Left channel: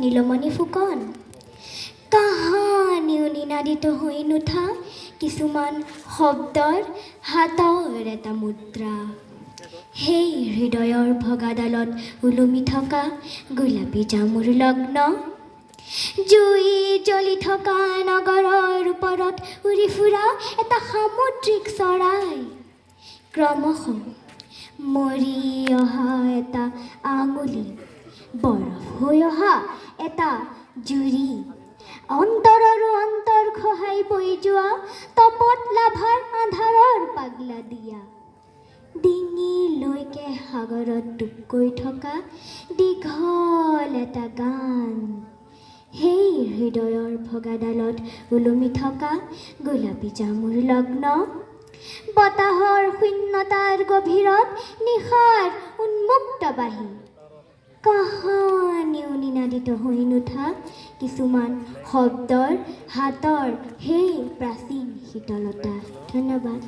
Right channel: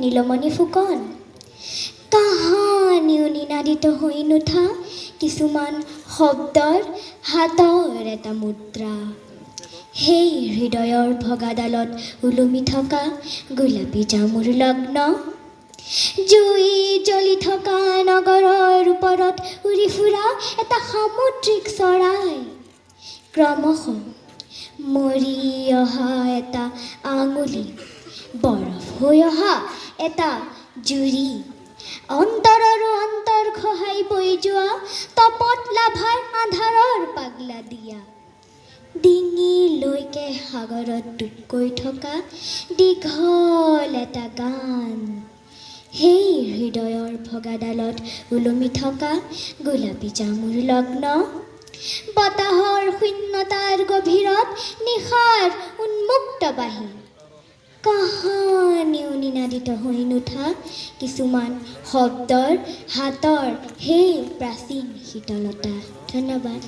নীলমণি ফুকন কাহানিও নিনাদিত হৈ নুঠা কিছুমান শব্দৰ হাতৰ এটা মুদ্ৰা সেই হৃদয়ৰ ভগাডালত ওলমি থকা গোলাপী জামুৰ লগ্ন জুই জ্বলি থকা নগৰৰ ওপৰত উৰি ফুৰা এটা সামুদ্ৰিক চৰাই ক্ৰমশ মৰি অহা এটা আঙুলি বৰফ হৈ অহা এটা জুৰি অন্তৰৰো অন্তৰ খহাই বৈ যোৱা তপত লাভাৰ আন্ধাৰৰ পাগলা দিয়া ডিঙিলৈকে সাগৰত ডুবকৈ থকা দীঘল এটা গান সেই হৃদয়ৰ ভগাডালত ওলমি থকা গোলাপী জামুৰ লগ্ন বতাহৰ শূন্যতাৰ গভীৰত নিশাৰ উন্মুক্ত বাঁহী কাহানিও নিনাদিত হৈ নুঠা কিছুমান শব্দৰ হাতৰ সেই প্ৰাচীন শীতলতা ধন্যবাদ